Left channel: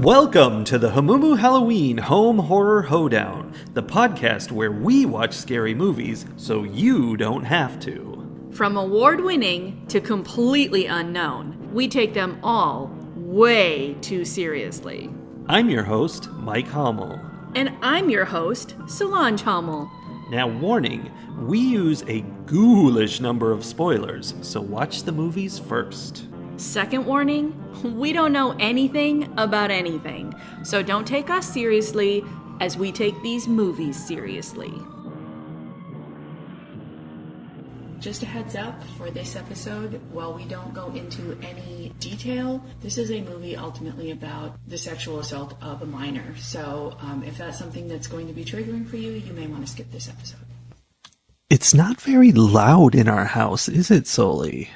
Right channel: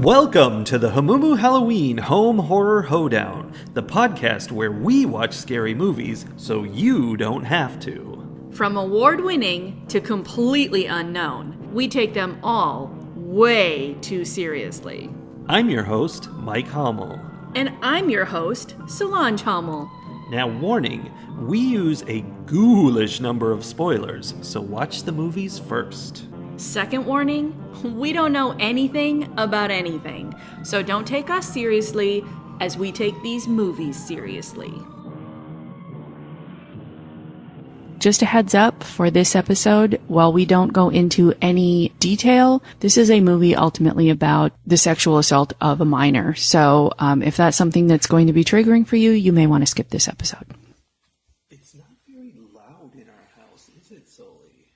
Welcome to the Hamumu Halloween Home Horror Hoedown, the podcast where we watch scary movies so you don't have to. From award-winning to completely unknown, we take them all way too seriously. I'm your host, Mike Hummel. And I'm your host, Solange Hummel. Now, warning, we use a ghoulish number of spoilers, so watch the movies first. Second warning, we don't know anything about anything, so don't take us seriously as we take these movies seriously. Just a heads up for this episode, while we don't go into any detail, this is a movie ultimately about the sexual assault of a minor. So if that's something that's going to be triggering for you, you may want to skip this episode. It's not very loud in our house, is it, Soli?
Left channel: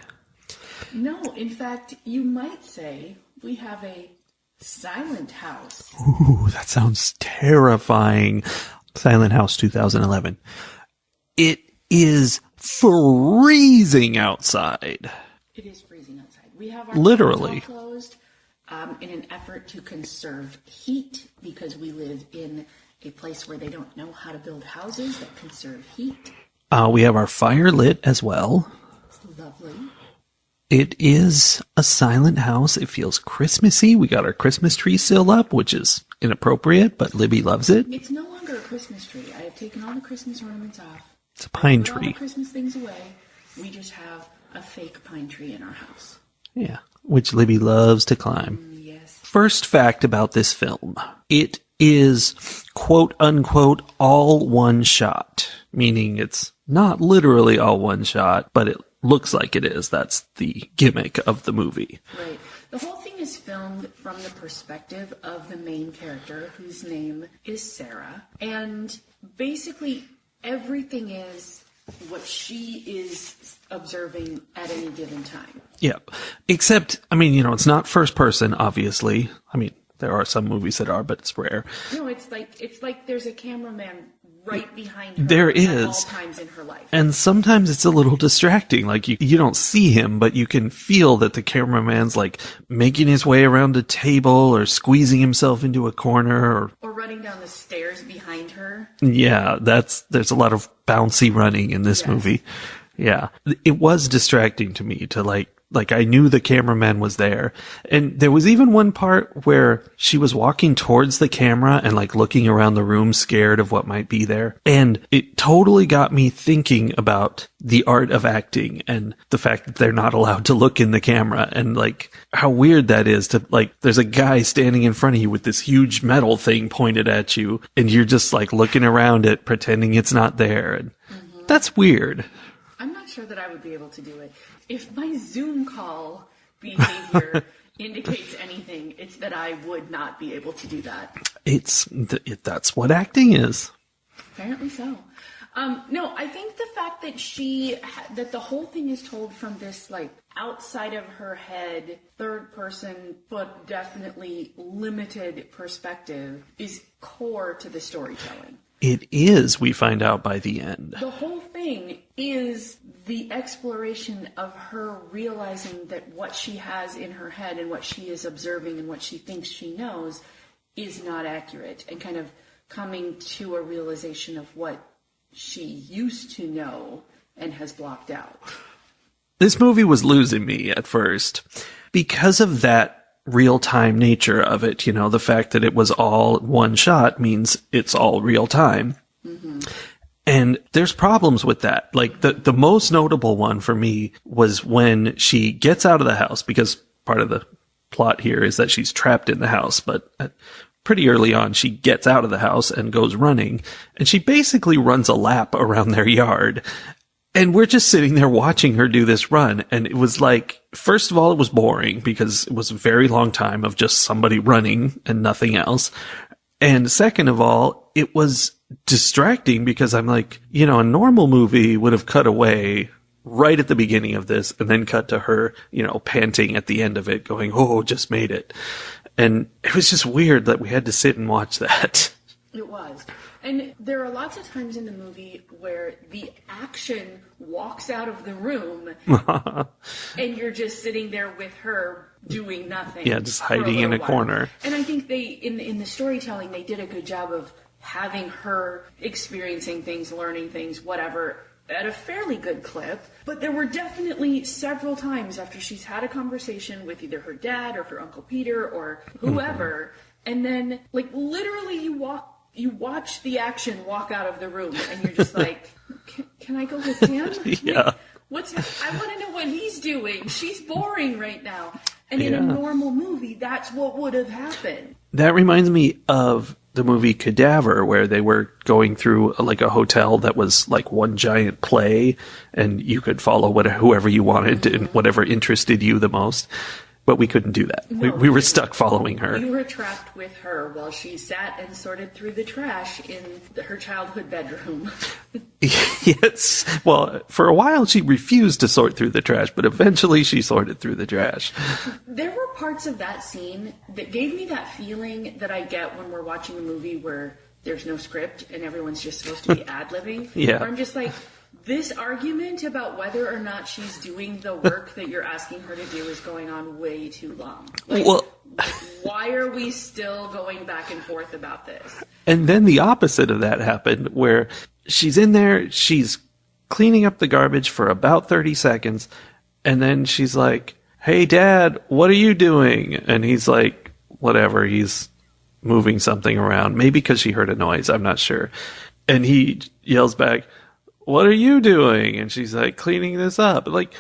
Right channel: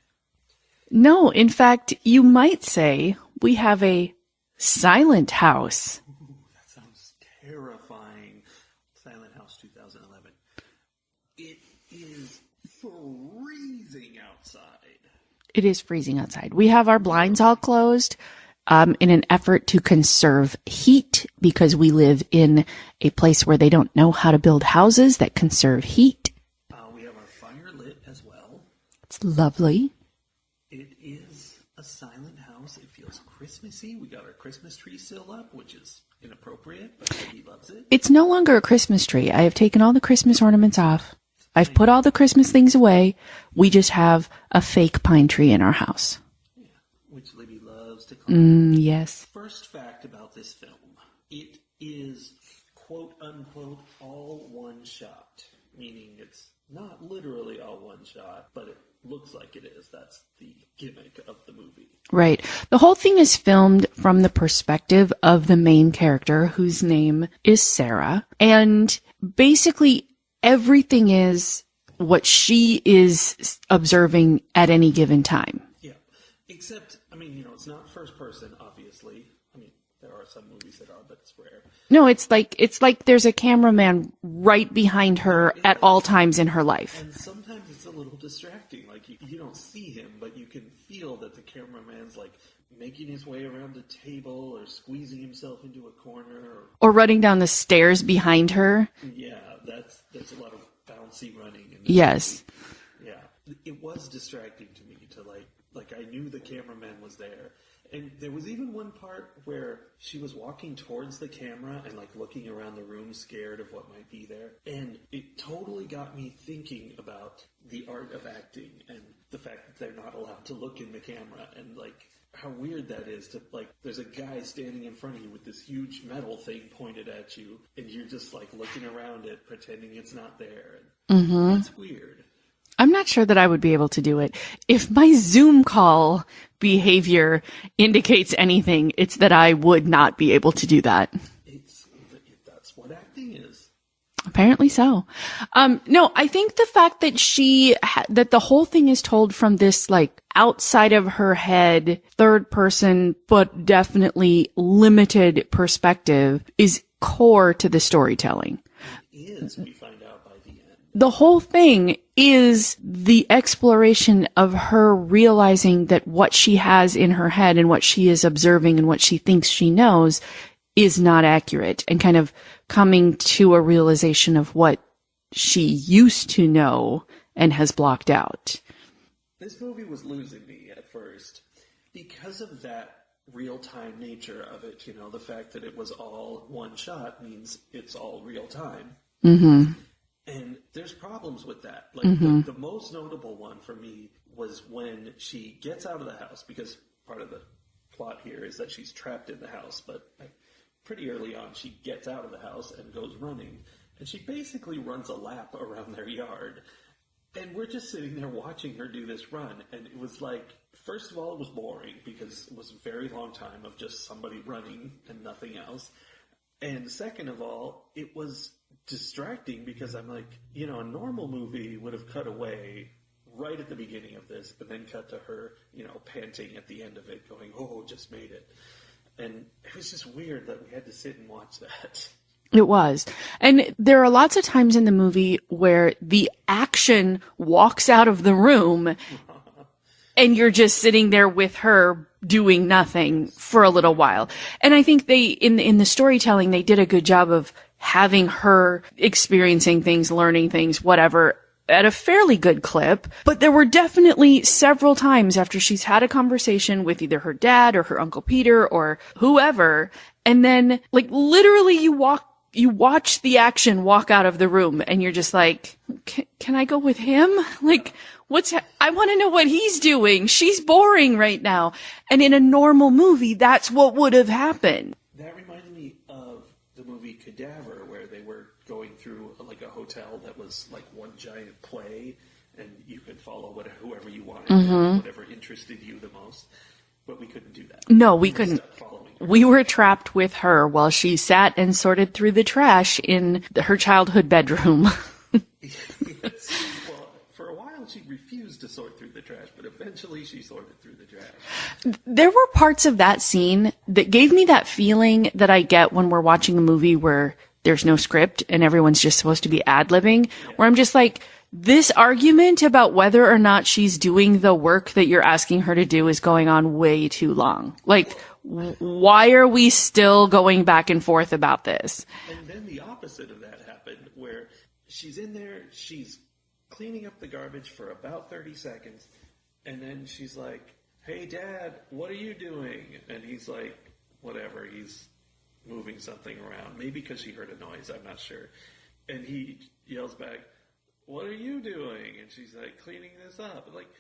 No, in fact, you might say we have a silent house. Ooh, that sounds terrifying. Silent House 2011. It is freezing outside. It is freezing outside. We have our blinds all closed in an effort to conserve heat because we live in a place where they don't know how to build houses that conserve heat. We have our fire lit as well. It's lovely. It is a silent house. It feels Christmassy. We got our Christmas tree still up, which is inappropriate, but Libby loves it. It's no longer a Christmas tree. I have taken all the Christmas ornaments off. I've put all the Christmas things away. We just have a fake pine tree in our house. Yeah, which Libby loves to climb. Yes. First fact about this film. It is, quote unquote, all one shot, meaning it's not literally all one shot, but it looks like it is. That's the gimmick of the movie. Right. The whole thing is filmed from the perspective of the main character, whose name is Sarah. And basically everything is what she is observing at any given time. Yeah. Except, I mean, it's not first person, obviously. I mean, there are some movies that are, but it's rare. No, it's like there's a cameraman right behind her at all times in her life. And sometimes it's a little distracting. Like you don't see him, but you can feel that the cameraman's like making his way around a table or squeezing himself into a corner or running down the stairs behind her. Yeah, there's a lot of bouncy running in this movie. Yeah. It was distracting to me to like I knew the cameraman was there. And there was even one part where she was walking towards the camera and like looking around the room scared of what might be there. And it totally got me thinking about the art of acting and the fact that they're not allowed to look in the camera and like how weird that is to like, there's a guy standing in front of you with this huge metal thing pointed at you and you're just like looking around it, pretending it's not there. And that's weird. I'm not sure that I would be able to do it. If my Zoom call behavior indicates anything, it's that I would not be able to do that. That's what acting is. Apparently so. No, I think the fact that that the whole thing is told from this like outside of her head, third person, but definitely limited perspective is core to the storytelling. It is, we find out by the end. The whole thing is the exploration of her realizing that what she has in her head and what she is observing and what she thinks she knows is not accurate and kind of coming to a realization of what she used to know and has blocked out. This movie was losing me at first because of that real-time nature of it. The fact that it was all one shot means it's all real time. Mm-hmm. And there's problems with that. Like the most notable one for me was when she gets out of the house, because part of the plot here is that she's trapped in the house, but pretty early on she gets out of the house and goes running, and she basically runs a lap around their yard. And we're just sitting there watching her do this run. And it was like, first of all, it was boring because it was a very long time of just somebody running and nothing else. And second of all, it was distracting because I'm like, a normal movie would have cut away right at the beginning of this and then cut to her, panting at the end of it going, oh, just made it. And it was just weird that we had to sit and watch that. It was. And there are lots of times in the movie where the action walks out of the room and you're just sitting there with her doing nothing for a little while. Corner. And I think they, in the storytelling, they did a good job of having her experiencing things, learning things, whatever, at a fairly good clip. But there were definitely several times after she's had a conversation with either her dad or her Uncle Peter or whoever, and then, like, literally you watch the action walk out of the room and you're just like, can I go with him? Yeah. Like, I want to know what he's doing. She's boring right now. And in a normal movie, that's what would have happened. That reminds me of the movie Cadaver, where they were going through like a hotel that was like one giant play and you could follow whoever you wanted and whatever interested you the most. But we couldn't do that. No, we were stuck following her. We were trapped with her while she sat and sorted through the trash in her childhood bedroom. Yes. Well, for a while she refused to sort through the trash, but eventually she sorted through the trash. There were parts of that scene that gave me that feeling that I get when we're watching a movie where there's no script and everyone's just supposed to be ad-libbing. Yeah. Where I'm just like, this argument about whether or not she's doing the work that you're asking her to do is going on way too long. Like, why are we still going back and forth about this? And then the opposite of that happened, where she's in there, she's cleaning up the garbage for about 30 seconds, and then she's like, "Hey, Dad, what are you doing?" And he's like, whatever, he's moving something around. Maybe because she heard a noise, I'm not sure. And he yells back, "What are you doing?" And she's like, "Cleaning this up." Like,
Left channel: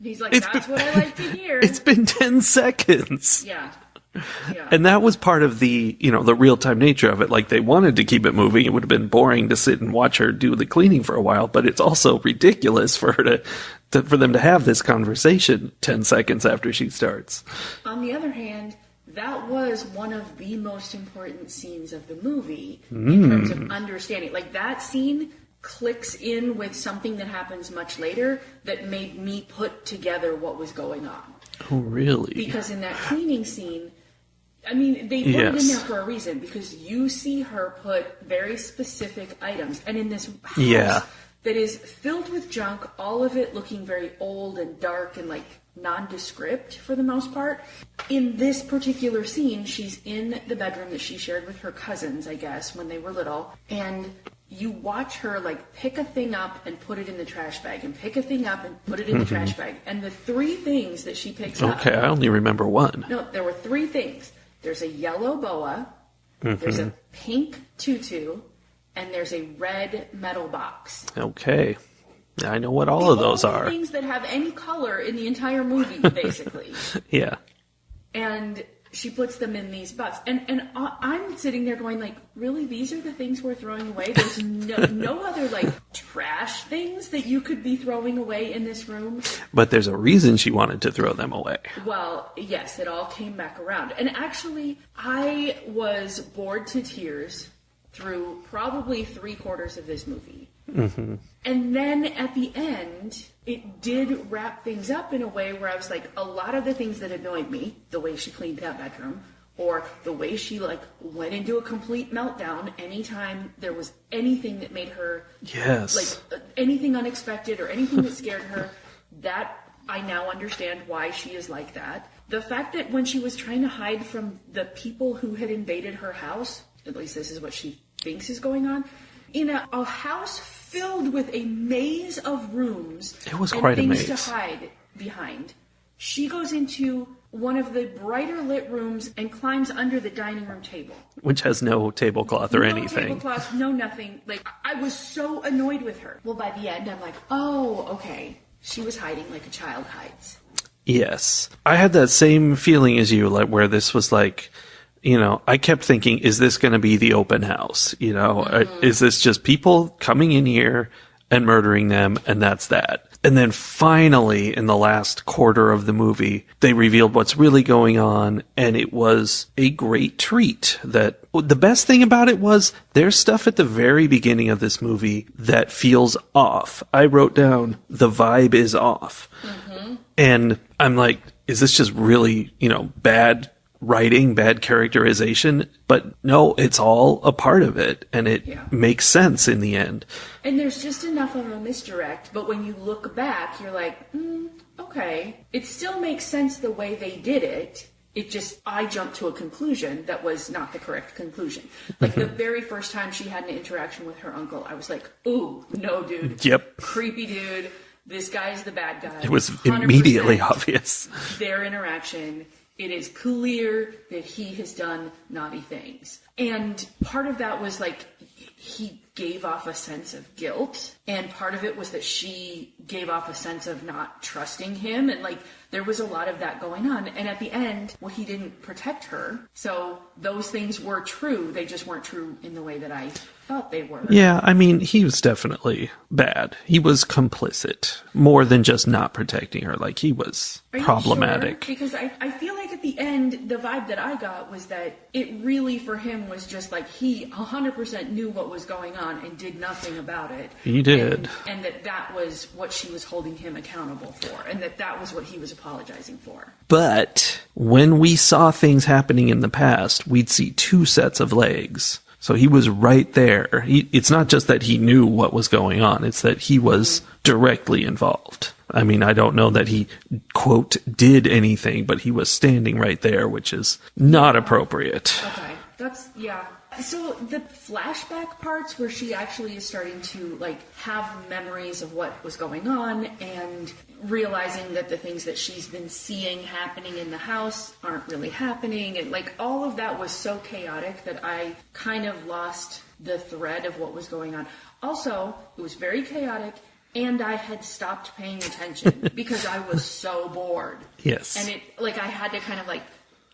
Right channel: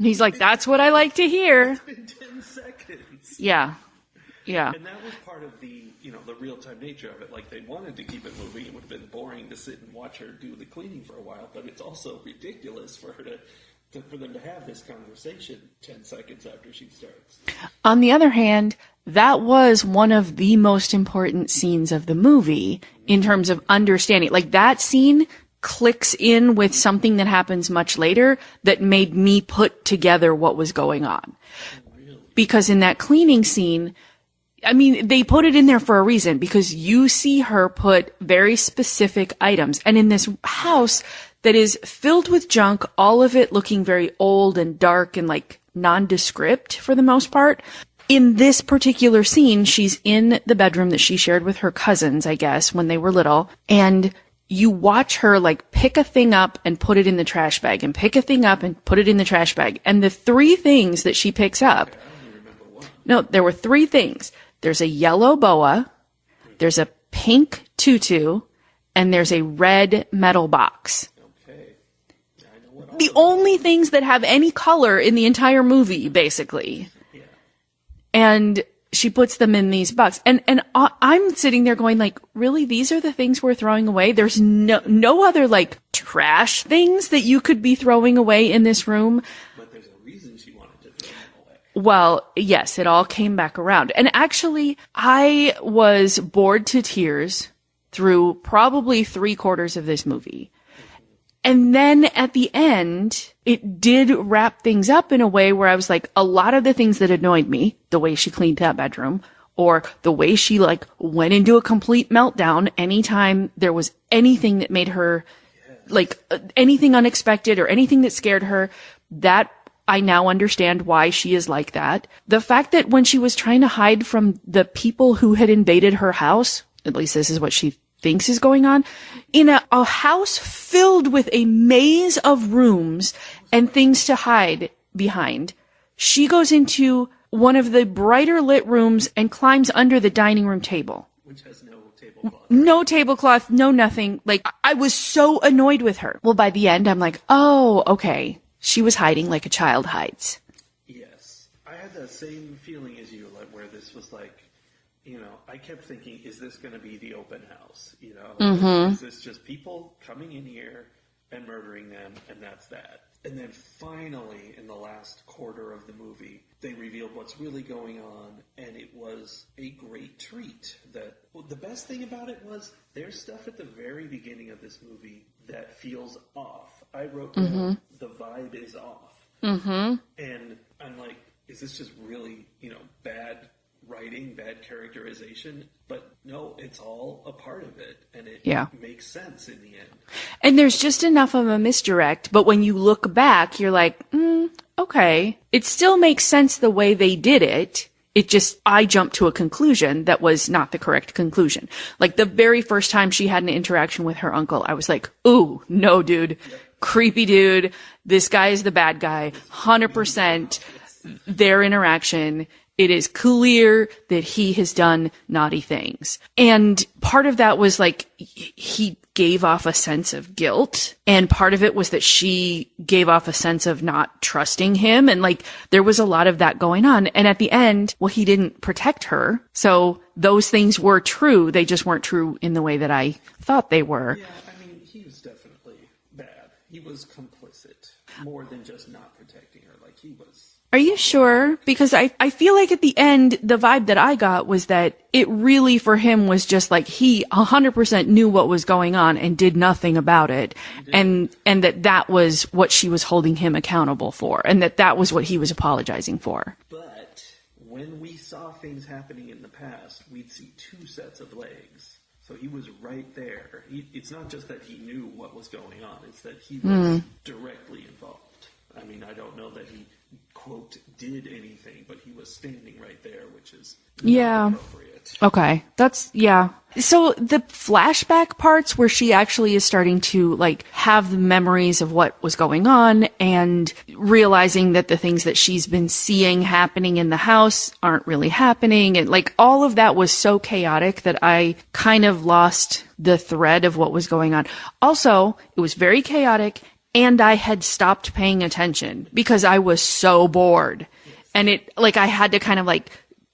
he's like, "That's what I like to hear." It's been 10 seconds. Yeah. Yeah. And that was part of the, the real-time nature of it. Like, they wanted to keep it moving. It would have been boring to sit and watch her do the cleaning for a while, but it's also ridiculous for her for them to have this conversation 10 seconds after she starts. On the other hand, that was one of the most important scenes of the movie in terms of understanding. Like, that scene clicks in with something that happens much later that made me put together what was going on. Oh, really? Because in that cleaning scene, I mean, they put it in there for a reason, because you see her put very specific items. And in this house that is filled with junk, all of it looking very old and dark and like nondescript for the most part. In this particular scene, she's in the bedroom that she shared with her cousins, I guess, when they were little. And you watch her like pick a thing up and put it in the trash bag, and pick a thing up and put it in the trash bag. And the three things that she picks up. Okay, I only remember one. No, there were three things. There's a yellow boa, there's a pink tutu, and there's a red metal box. Okay. I know what all of those are. The only things that have any color in the entire movie, basically. Yeah. And she puts them in these boxes. And I'm sitting there going like, really? These are the things we're throwing away? There's no other like trash things that you could be throwing away in this room? But there's a reason she wanted to throw them away. Well, yes, it all came back around. And actually, I was bored to tears through probably 3/4 of this movie. Mm-hmm. And then at the end, it did wrap things up in a way where I was like, a lot of the things that annoyed me, the way she cleaned that bedroom, or the way she like went into a complete meltdown anytime there was anything that made her like anything unexpected or anything that scared her, that I now understand why she is like that. The fact that when she was trying to hide from the people who had invaded her house, at least this is what she thinks is going on, in a house filled with a maze of rooms and things to hide behind, she goes into one of the brighter lit rooms and climbs under the dining room table. Which has no tablecloth or anything. No tablecloth, no nothing. Like, I was so annoyed with her. Well, by the end, I'm like, oh, okay. She was hiding like a child hides. Yes. I had that same feeling as you, like, where this was like, I kept thinking, is this going to be the open house? Is this just people coming in here and murdering them, and that's that? And then finally, in the last quarter of the movie, they revealed what's really going on, and it was a great treat. That the best thing about it was there's stuff at the very beginning of this movie that feels off. I wrote down, the vibe is off. And I'm like, is this just really, bad writing, bad characterization, but no, it's all a part of it, and it makes sense in the end. And there's just enough of a misdirect, but when you look back, you're like, okay. It still makes sense the way they did it. It just, I jumped to a conclusion that was not the correct conclusion. Like the very first time she had an interaction with her uncle, I was like, ooh, no, dude. Yep. Creepy dude. This guy is the bad guy. It was 100% immediately obvious. Their interaction. It is clear that he has done naughty things. And part of that was like, he gave off a sense of guilt. And part of it was that she gave off a sense of not trusting him. And like, there was a lot of that going on. And at the end, well, he didn't protect her. So those things were true. They just weren't true in the way that I thought they were. Yeah, I mean, he was definitely bad. He was complicit more than just not protecting her. Like, he was Are you problematic. sure? Because I feel like at the end, the vibe that I got was that it really for him was just like he 100% knew what was going on and did nothing about it. He did. And that was what she was holding him accountable for. And that was what he was apologizing for. But when we saw things happening in the past, we'd see two sets of legs. So he was right there. It's not just that he knew what was going on. It's that he was directly involved. I mean, I don't know that he, quote, did anything, but he was standing right there, which is not appropriate. Okay. So the flashback parts where she actually is starting to like have the memories of what was going on and realizing that the things that she's been seeing happening in the house aren't really happening. And like all of that was so chaotic that I kind of lost the thread of what was going on. Also, it was very chaotic. And I had stopped paying attention because I was so bored. Yes. And I had to kind of like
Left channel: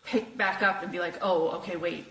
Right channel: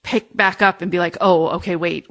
pick back up and be like, oh, okay, wait,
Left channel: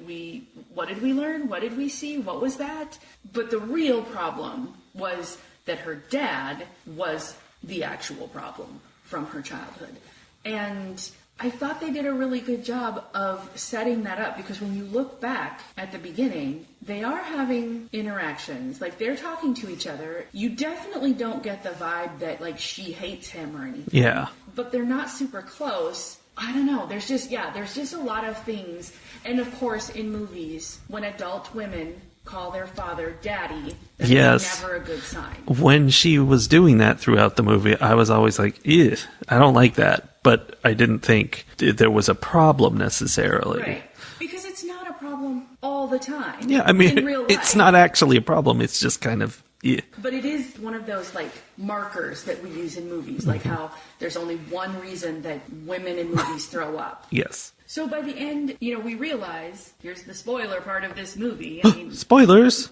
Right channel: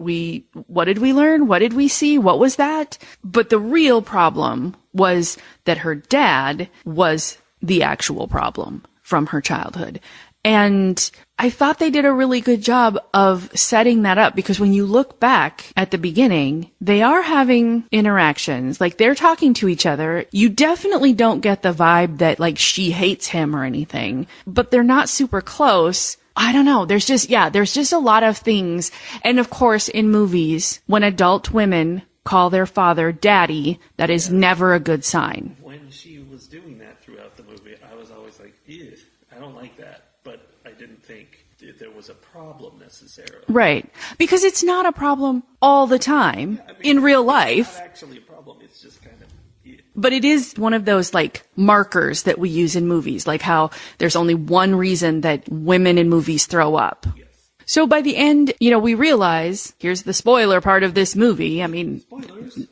what did we learn? What did we see? What was that? But the real problem was that her dad was the actual problem from her childhood. And I thought they did a really good job of setting that up because when you look back at the beginning, they are having interactions. Like they're talking to each other. You definitely don't get the vibe that like she hates him or anything. Yeah. But they're not super close. I don't know. There's just a lot of things. And of course, in movies, when adult women call their father daddy, that is never a good sign. When she was doing that throughout the movie, I was always like, ew, I don't like that. But I didn't think there was a problem necessarily. Right. Because it's not a problem all the time. Yeah, I mean, in real life. It's not actually a problem. It's just kind of, yeah. But it is one of those like markers that we use in movies, like how there's only one reason that women in movies throw up. Yes. So by the end, we realize, here's the spoiler part of this movie. I mean, spoilers.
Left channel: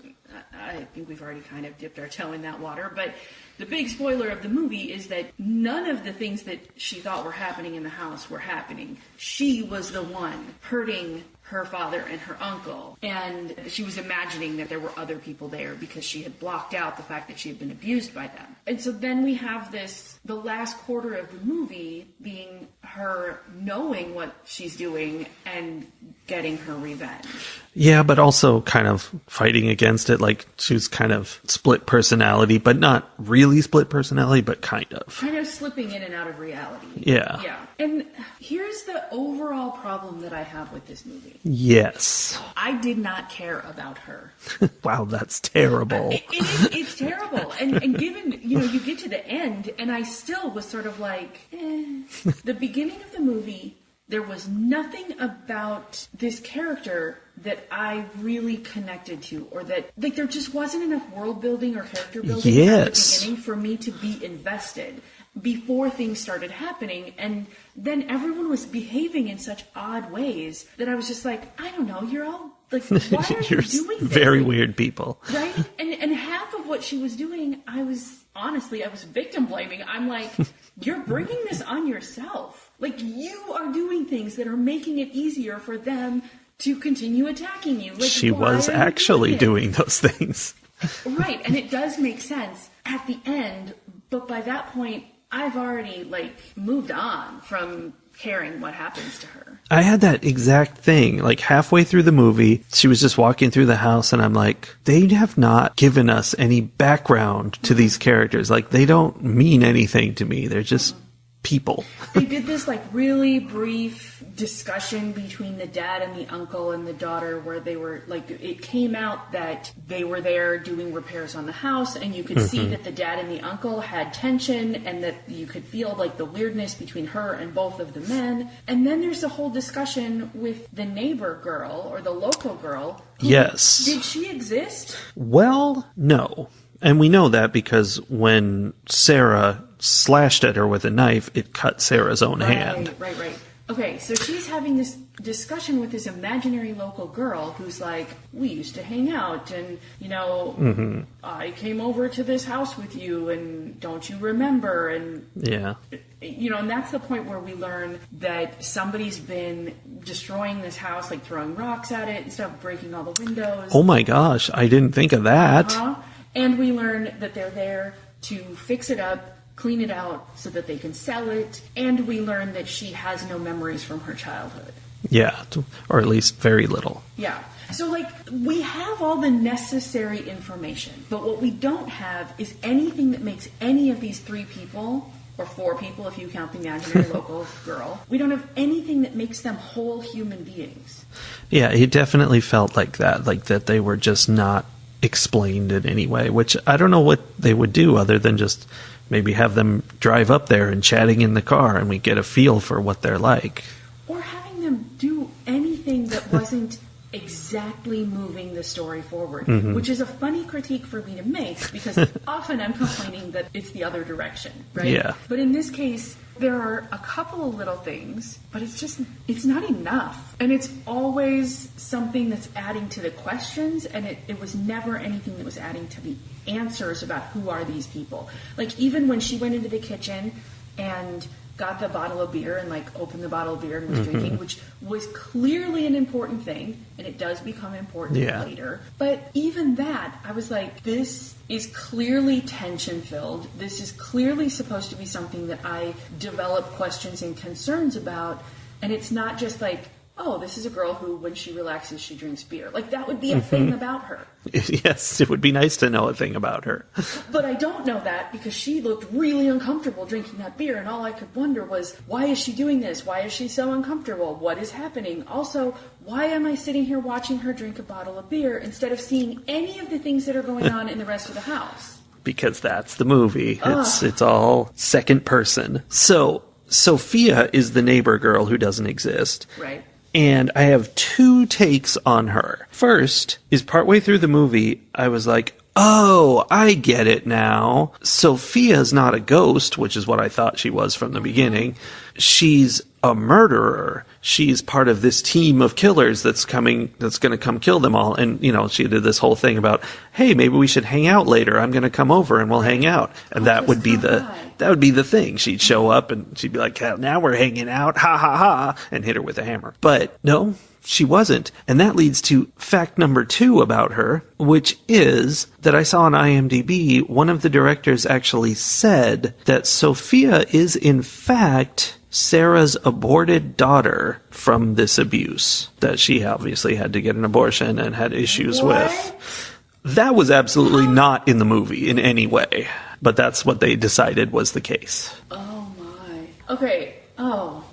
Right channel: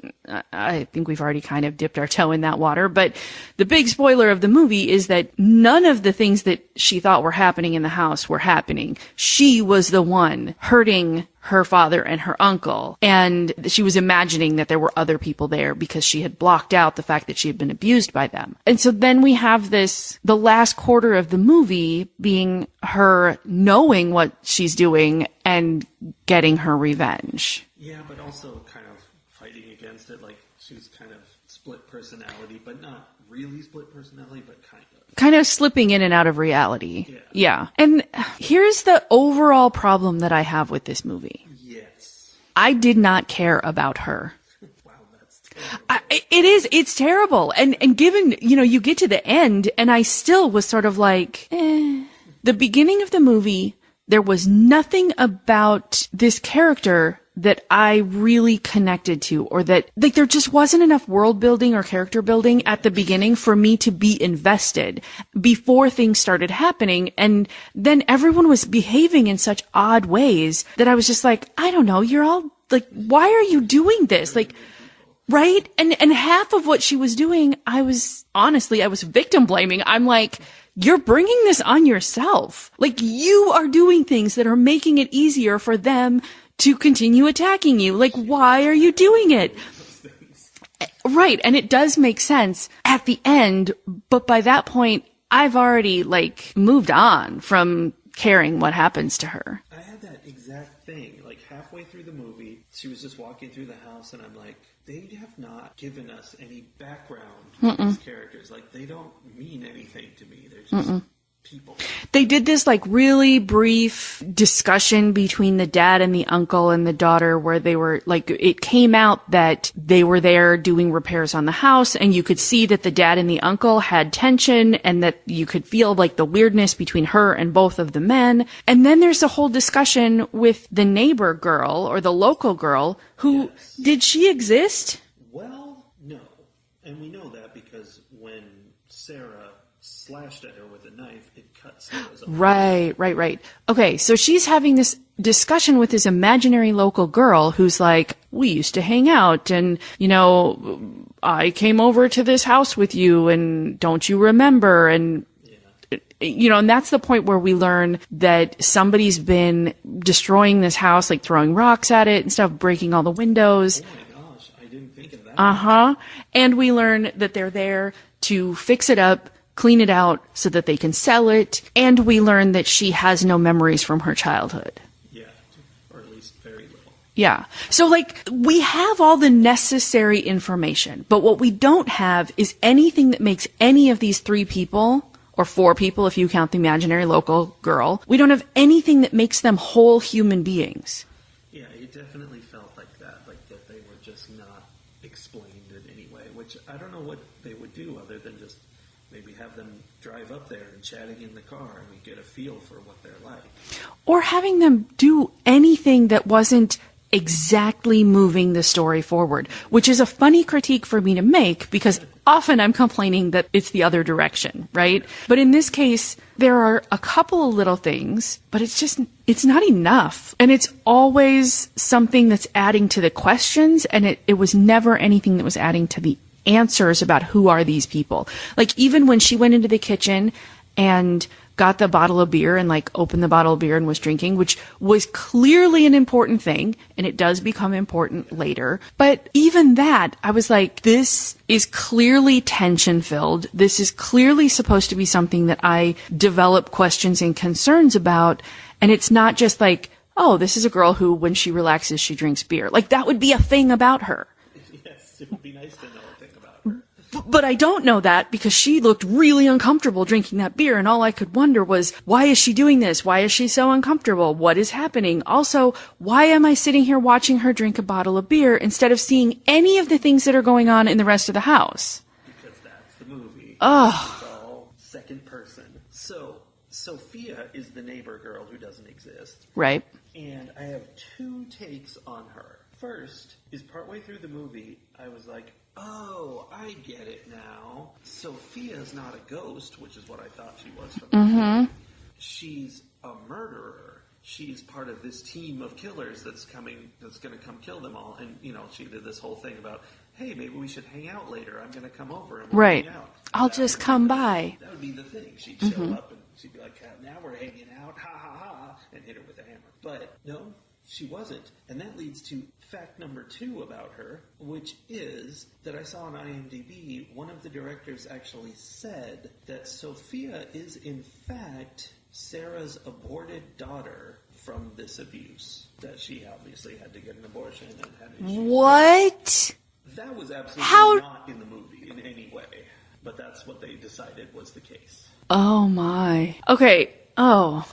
I think we've already kind of dipped our toe in that water, but the big spoiler of the movie is that none of the things that she thought were happening in the house were happening. She was the one hurting her father and her uncle, and she was imagining that there were other people there because she had blocked out the fact that she had been abused by them. And so then we have the last quarter of the movie being her knowing what she's doing and getting her revenge. Yeah, but also kind of fighting against it. Like she was kind of split personality, but not really split personality, but kind of. Kind of slipping in and out of reality. Yeah. Yeah. And here's the overall problem that I have with this movie. Yes. I did not care about her. Wow, that's terrible. It's terrible. And given, you get to the end and I still was sort of like, The beginning of the movie, there was nothing about this character that I really connected to, or that like there just wasn't enough world building or character building at the beginning for me to be invested before things started happening. And then everyone was behaving in such odd ways that I was just like, I don't know, you're all like, why are you doing this? Very like, weird people. Right? And half of what she was doing, I was victim blaming. I'm like, you're bringing this on yourself. Like you are doing things that are making it easier for them to continue attacking you. Like, why are you doing it? She was actually doing those things. Right. And it does make sense at the end. But by that point, I've already like moved on from caring what happens to her. I had that exact thing. Like halfway through the movie, she was just walking through the house and I'm like, they have not given us any background to these characters. Like they don't mean anything to me. They're just people. They did this like really brief discussion between the dad and the uncle and the daughter where they were like, it came out that they were there doing repairs on the house, and you could see that the dad and the uncle had tension, and that you could feel like the weirdness between her and both of the men. And then there's a whole discussion with the neighbor girl or the local girl. Yes. Did she exist? Well, no. And we know that because when Sarah slashed at her with a knife, it cut Sarah's own hand. Right. Okay, so she's having this discussion with this imaginary local girl who's like, we used to hang out, and, you know, I came over to this house with you, and don't you remember? And, you know, and that's the point where we learn that somebody's been destroying this house, like throwing rocks at it and stuff, breaking all the windows. Oh my gosh, I didn't think of that. And we learn that they're there to fix it up, clean it out so that they can sell it. And we learn that she has no memories from her childhood. Yeah, or at least very little. Yeah. So, like, we have all the necessary information, but what we don't have is anything that makes any of these three people, or four people if you count the imaginary local girl, we don't have anything that makes them whole human beings. Yeah, it definitely felt like that they were just not explained in any way, which I don't know what they would do other than just maybe have them drive up there and chatting in the car and we get a feel for what they're like. Or having them do anything that wasn't exactly moving the story forward, which is a funny critique for me to make because often I'm complaining that it's the other direction, right? Yeah. But in this case, there are a couple of little things, but it's not enough. And it's always something that's adding to the questions, and it was never anything that was adding to the answers about who are these people. Like, even when she went into the kitchen and got the bottle of beer and like opened the bottle of beer and was drinking, which was clearly an important thing, and it does become important later. But even that, I was like, this is clearly tension filled. This is clearly supposed to be something that I develop questions and concerns about. And it's not just like, oh, this is a girl who, when she relaxes, she drinks beer. Like, that would be a thing about her. Yes, it would be nice to know a thing about her. But I don't know that because she looked really uncomfortable drinking that beer, and all I could wonder was, why is she doing this? Why is she so uncomfortable? What is happening? Also, why am I sitting here watching her drink a bottle of beer instead of seeing any of the things that are going on in the rest of the house? Because that's the movie. It's all second person. So, Sophia is the neighbor girl who doesn't exist. Right. And I have two takes on her. First is partway through the movie, I was like, oh, I get it now. Sophia's not a ghost, which is what I thought she was from the beginning. She's a murderer. She's part of this team of killers that's going to come kill them all. And, you know, she did this whole thing about, hey, maybe we should hang out later. I'm going to come over and we'll hang out. And that would be the thing. She'd show up and she'd be like, now we're hanging out. Ha ha ha. And hit her with a hammer. But no, she wasn't. And that leads to fact number 2 about her, which is that I saw on IMDb, one of the directors actually said that Sophia is in fact Sarah's aborted daughter from this abuse, that she obviously had to get an abortion and had issues with. That was absolutely not in the movie in any way, but that's what they decided was the case. Oh my. Okay. Oh.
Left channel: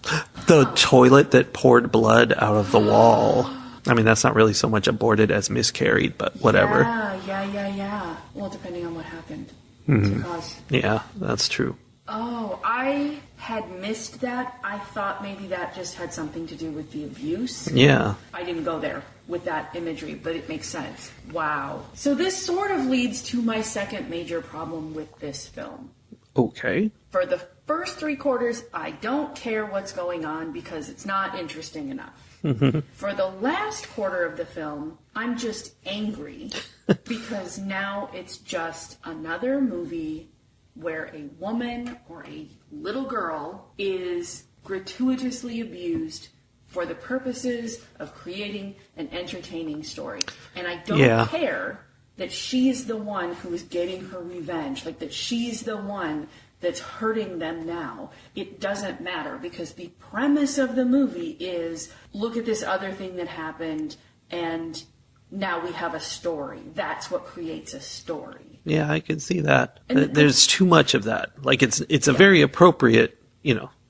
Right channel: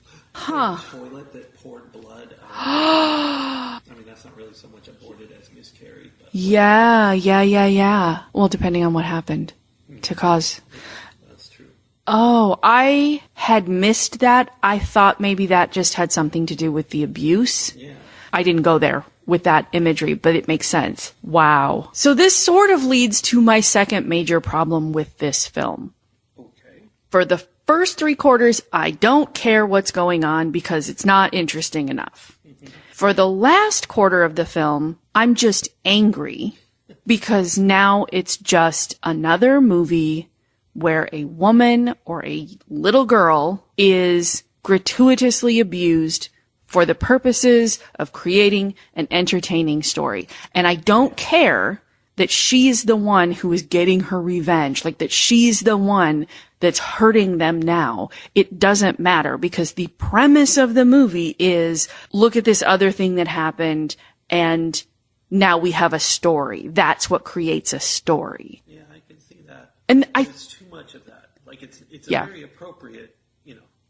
The toilet that poured blood out of the wall. I mean, that's not really so much aborted as miscarried, but whatever. Yeah. Well, depending on what happened to cause. Yeah, that's true. Oh, I had missed that. I thought maybe that just had something to do with the abuse. Yeah. I didn't go there with that imagery, but it makes sense. Wow. So this sort of leads to my second major problem with this film. Okay. For the first 3/4, I don't care what's going on because it's not interesting enough. For the last quarter of the film, I'm just angry because now it's just another movie where a woman or a little girl is gratuitously abused for the purposes of creating an entertaining story. And I don't care that she's the one who is getting her revenge, like that she's the one that's hurting them now. It doesn't matter because the premise of the movie is, look at this other thing that happened and now we have a story. That's what creates a story. Yeah, I can see that. And there's too much of that. Like it's a very appropriate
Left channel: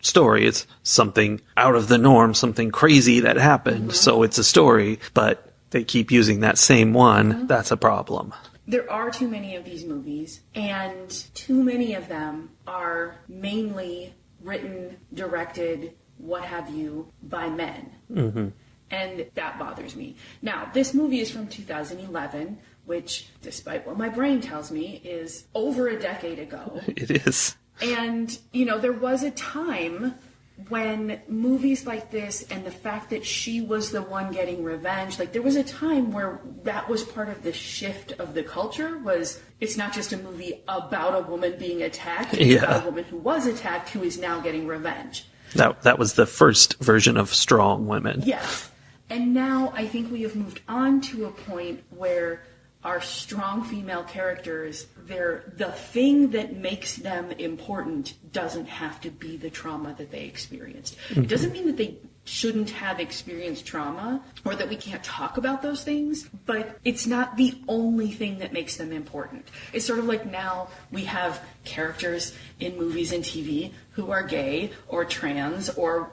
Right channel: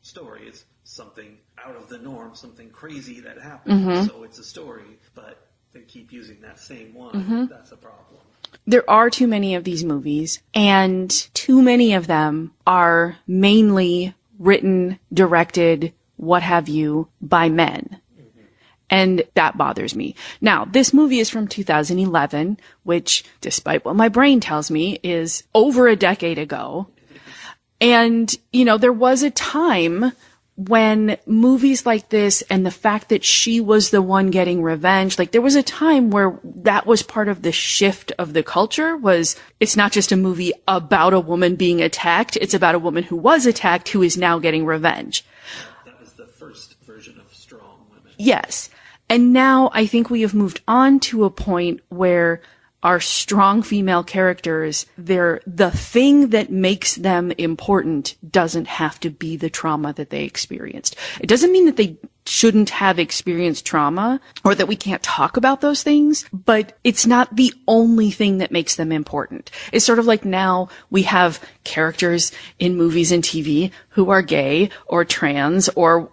story. It's something out of the norm, something crazy that happened. So it's a story, but they keep using that same one. That's a problem. There are too many of these movies, and too many of them are mainly written, directed, what have you, by men. And that bothers me. Now, this movie is from 2011, which, despite what my brain tells me, is over a decade ago. It is. And, there was a time when movies like this and the fact that she was the one getting revenge, like there was a time where that was part of the shift of the culture. Was it's not just a movie about a woman being attacked, it's about a woman who was attacked who is now getting revenge. That was the first version of strong women. Yes. And now I think we have moved on to a point where our strong female characters, the thing that makes them important doesn't have to be the trauma that they experienced. It doesn't mean that they shouldn't have experienced trauma or that we can't talk about those things, but it's not the only thing that makes them important. It's sort of like now we have characters in movies and TV who are gay or trans or,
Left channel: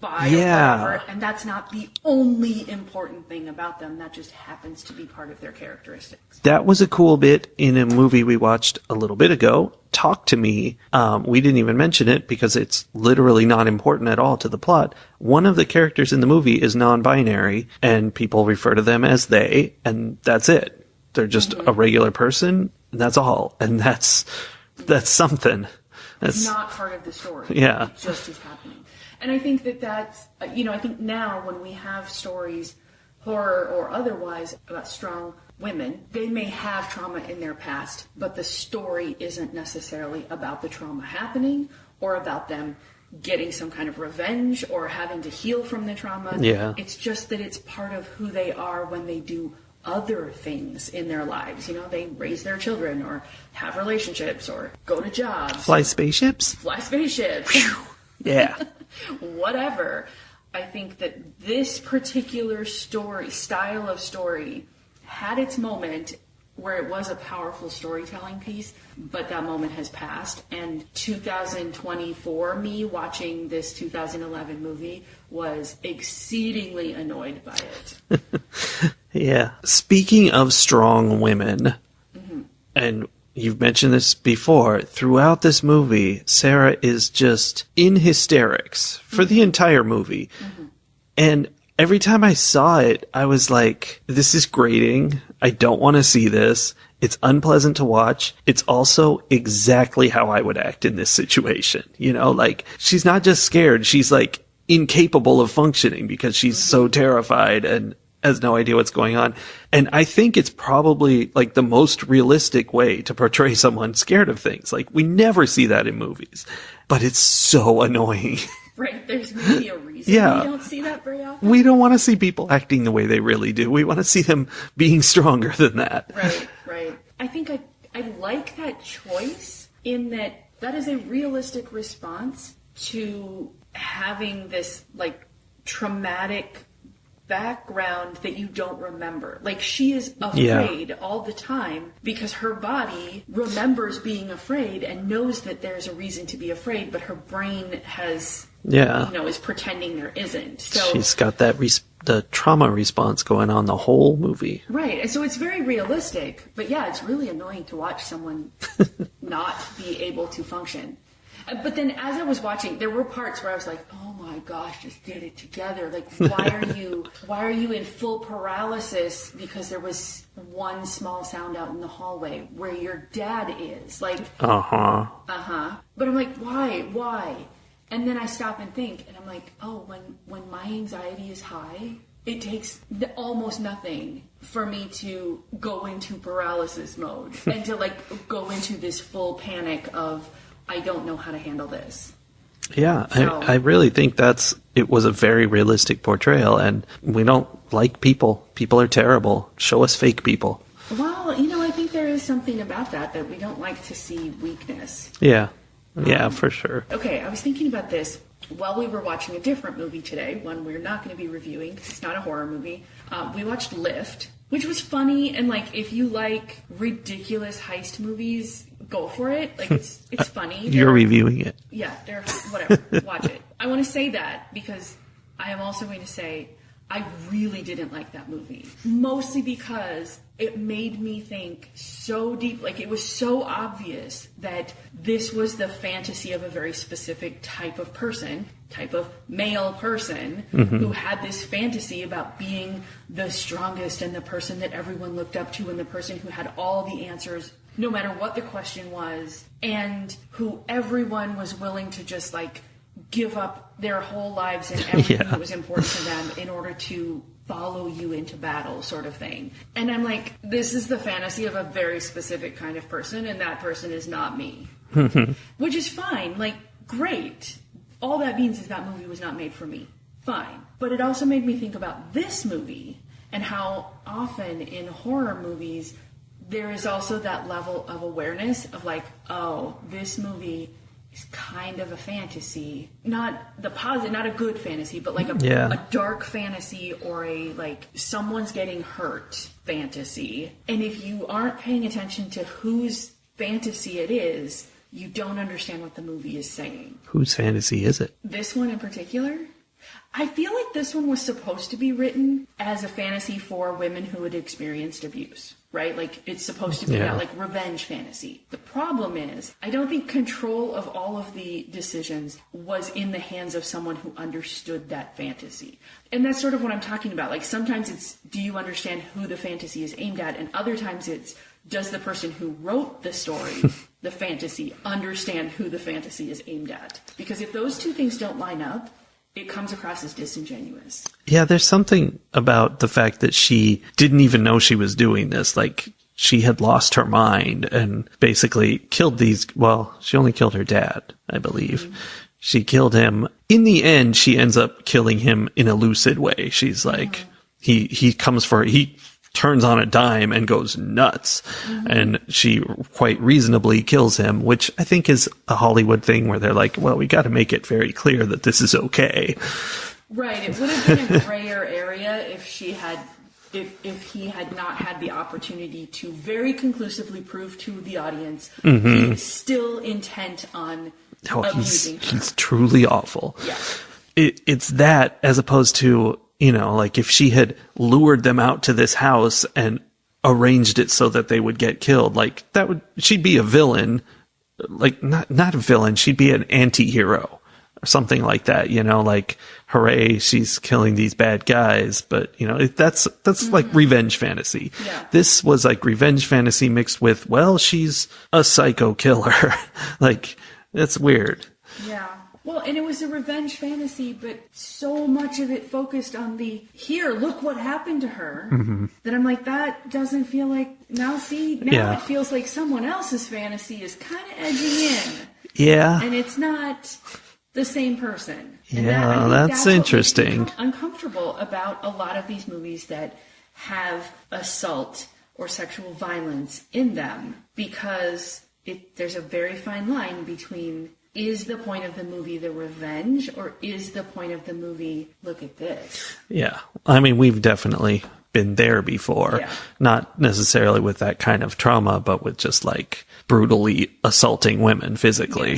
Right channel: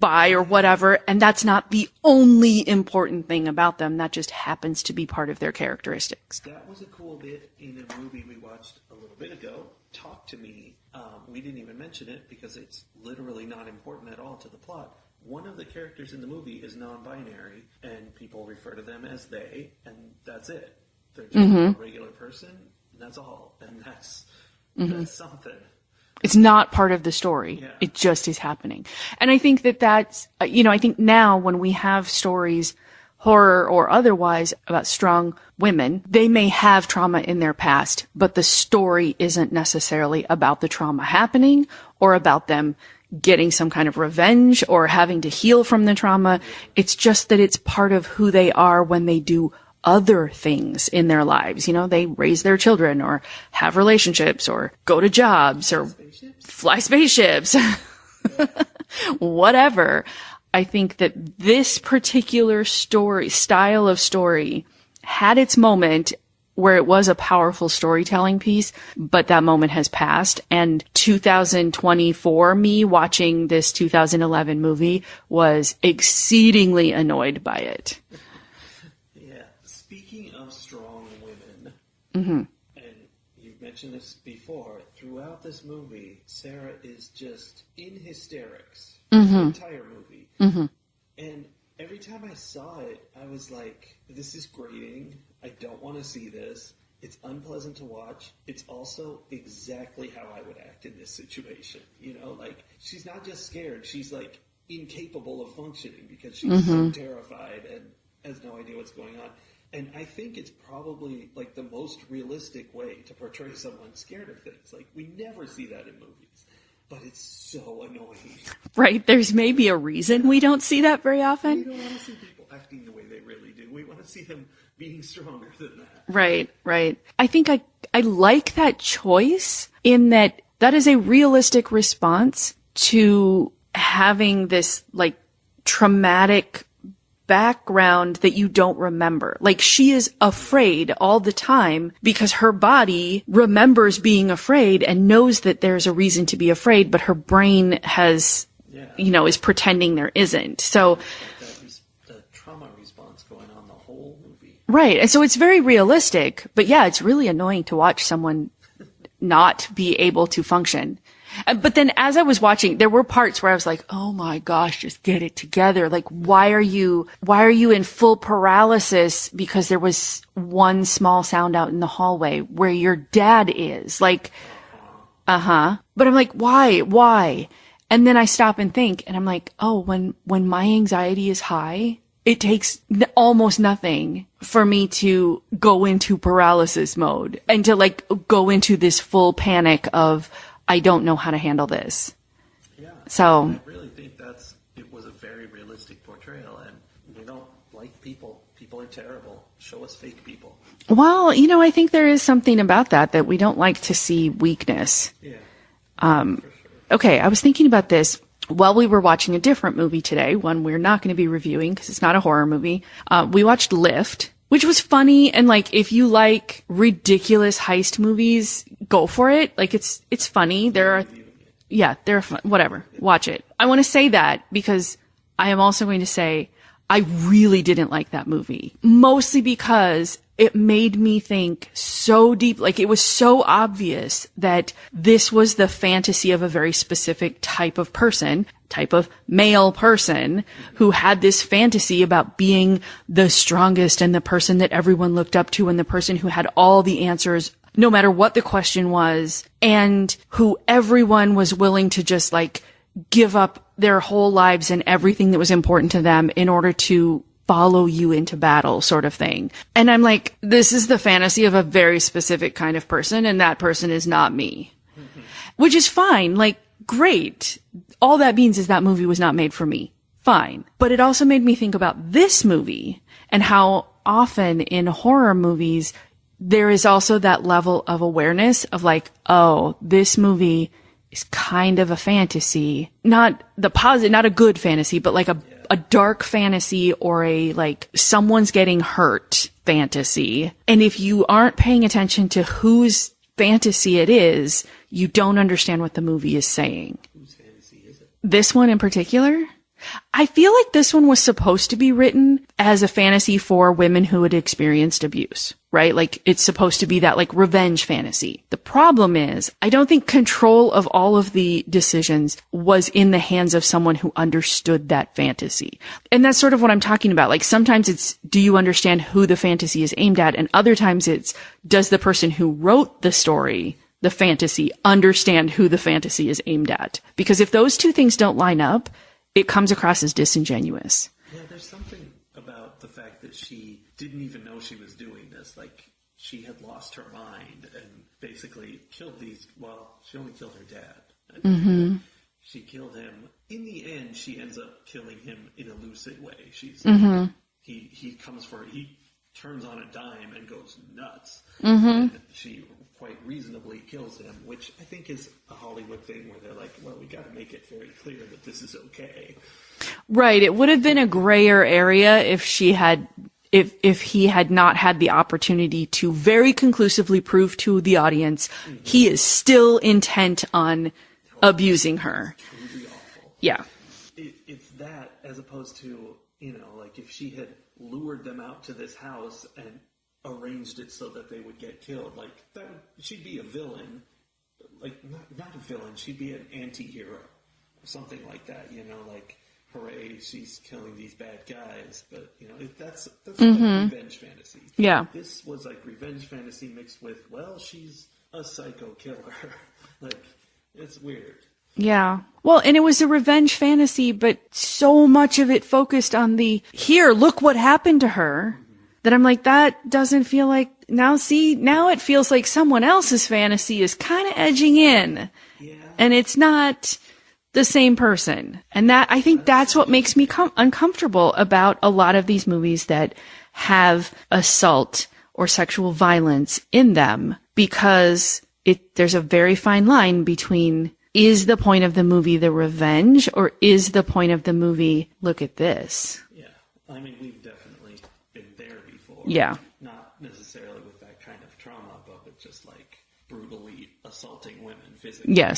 bi or whatever, and that's not the only important thing about them. That just happens to be part of their characteristics. That was a cool bit in a movie we watched a little bit ago, Talk to Me. We didn't even mention it because it's literally not important at all to the plot. One of the characters in the movie is non-binary, and people refer to them as they, and that's it. They're just a regular person, and that's all. And that's something. It's not part of the story. Yeah. It just is happening. And I think that's, I think now when we have stories, horror or otherwise, about strong women, they may have trauma in their past, but the story isn't necessarily about the trauma happening or about them getting some kind of revenge or having to heal from the trauma. Yeah. It's just that it's part of who they are when they do other things in their lives. They raise their children or have relationships or go to jobs. Fly spaceships? Fly spaceships. Yeah. Whatever. I think that this particular style of story had its moment where it was a powerful storytelling piece, but that moment has passed. And 2024 me watching this 2011 movie was exceedingly annoyed by it. Yeah. Speaking of strong women, and you've mentioned this before, throughout this movie, Sarah is just in hysterics for the entire movie. And every time I saw it, I was like, this is grating. I don't want to see this. It's unpleasant to watch. It's also exactly how I would act in this situation. She's not just scared. She's like incapable of functioning because she's so terrified and has no idea what's going on. And I think it's probably like the most realistic way to portray someone scared of things. Like we never see that in movies, but it's so annoying. Right. There's maybe a reason we don't see that very often. We don't want to see people acting the way they really do. We want to see them being stronger than that. Right. I think I like that choice in that is a realistic response to having this like traumatic background that you don't remember. Like she is afraid all the time because her body remembers being afraid and knows that there's a reason to be afraid, but her brain has, is pretending there isn't. So she's got that the trauma response going on the whole movie. Right. And so it's very realistic, but it's really annoying to watch someone not be able to function. But then as I was watching, there were parts where I was like, oh my gosh, just get it together. Like, why are you in full paralysis because there was one small sound out in the hallway where your dad is? Like, But I'm like, why? And then I stop and think and I'm like, oh, when my anxiety is high, it takes almost nothing for me to go into paralysis mode and to like go into this full panic of, I don't know how to handle this. Yeah, so I really think it was a very realistic portrayal, and we don't like people. People are terrible. Show us fake people. Well, I think there is something about that we don't like to see weakness. Yeah, for sure. Okay, I was thinking about this while we were watching a different movie today, one we're not going to be reviewing because it's not a horror movie. We watched Lift, which was funny. And like, if you like ridiculous heist movies, go for it. Like, it's funny. You're reviewing it. Yeah, they're fun. Whatever. Watch it. I want to say that because I am also going to say I really didn't like that movie. Mostly because it made me think so deep. Like, it was so obvious that this was the fantasy of a very specific type of person, type of male person who had this fantasy about being the strongest and the person that everyone looked up to and the person who had all the answers no matter what the question was, and who everyone was willing to just like give up their whole lives and everything that was important to them in order to follow you into battle, sort of thing. And I'm like, this is the fantasy of a very specific kind of person, and that person is not me. Which is fine. Like, great. All that means is that movie was not made for me. Fine. But it also made me think about this movie and how often in horror movies there is also that level of awareness of like, oh, this movie is kind of a fantasy, not the positive, not a good fantasy, but like a dark fantasy or a like someone's getting hurt fantasy. And if you aren't paying attention to whose fantasy it is, you don't understand what the movie is saying. Whose fantasy is it? This one in particular? I feel like this one was supposed to be written as a fantasy for women who had experienced abuse, right? Like, it's supposed to be that like revenge fantasy. The problem is, I don't think control of all of the decisions was in the hands of someone who understood that fantasy. And that's sort of what I'm talking about. Like, sometimes it's, do you understand who the fantasy is aimed at? And other times it's, does the person who wrote the story, the fantasy, understand who the fantasy is aimed at? Because if those two things don't line up, it comes across as disingenuous. Yeah, there's something about the fact that she didn't even know she was doing this. Like, she had lost her mind and basically killed she only killed her dad, I believe. She killed him. In the end, she ends up killing him in a lucid way. She's like, he turns on a dime and goes nuts. And she quite reasonably kills him, which I think is a Hollywood thing where they're like, well, we got to make it very clear that this is okay. Right. It would have been a grayer area if she had, if he had not had the opportunity to very conclusively prove to the audience he is still intent on abusing her. He's truly awful. Yeah. It's that as opposed to, you know, like if she had lured them out to this house and arranged it so that they would get killed, like she'd be a villain, like not a villain, she'd be an anti-hero or something like that, you know, like, hooray, she's killing these bad guys. But, you know, that's like revenge fantasy. Yeah. This was like revenge fantasy mixed with, well, she's a psycho killer. Like, it's weird. Yeah. Well, and it was a revenge fantasy, but so much of it focused on here, look what happened to her, that I'm like, that doesn't feel like, it feels like someone else's fantasy is kind of edging in. Yeah. And it's not the same person. And I think that's what makes me uncomfortable about a lot of these movies that have assault or sexual violence in them, because there's a very fine line between, is the point of the movie the revenge, or is the point of the movie, look at this? Yeah. I mean, we've definitely been there before. Yeah. Not necessarily with that kind of trauma, but with just like brutally assaulting women physically.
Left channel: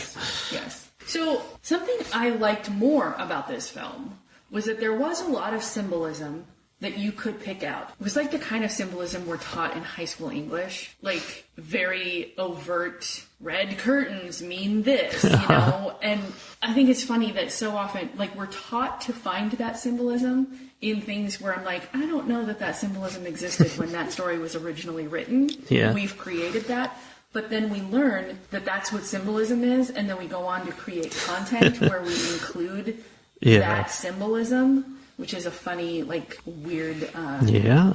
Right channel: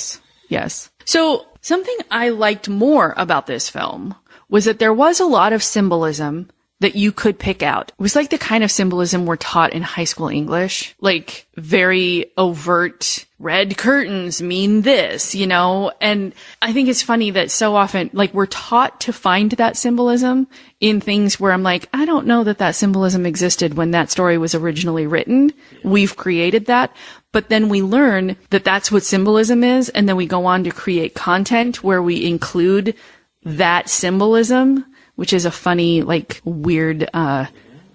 Yes. So something I liked more about this film was that there was a lot of symbolism that you could pick out. It was like the kind of symbolism we're taught in high school English, like very overt, red curtains mean this, you know? And I think it's funny that so often, like, we're taught to find that symbolism in things where I'm like, I don't know that symbolism existed when that story was originally written. Yeah. We've created that. But then we learn that that's what symbolism is. And then we go on to create content where we include that symbolism, which is a funny, like, weird,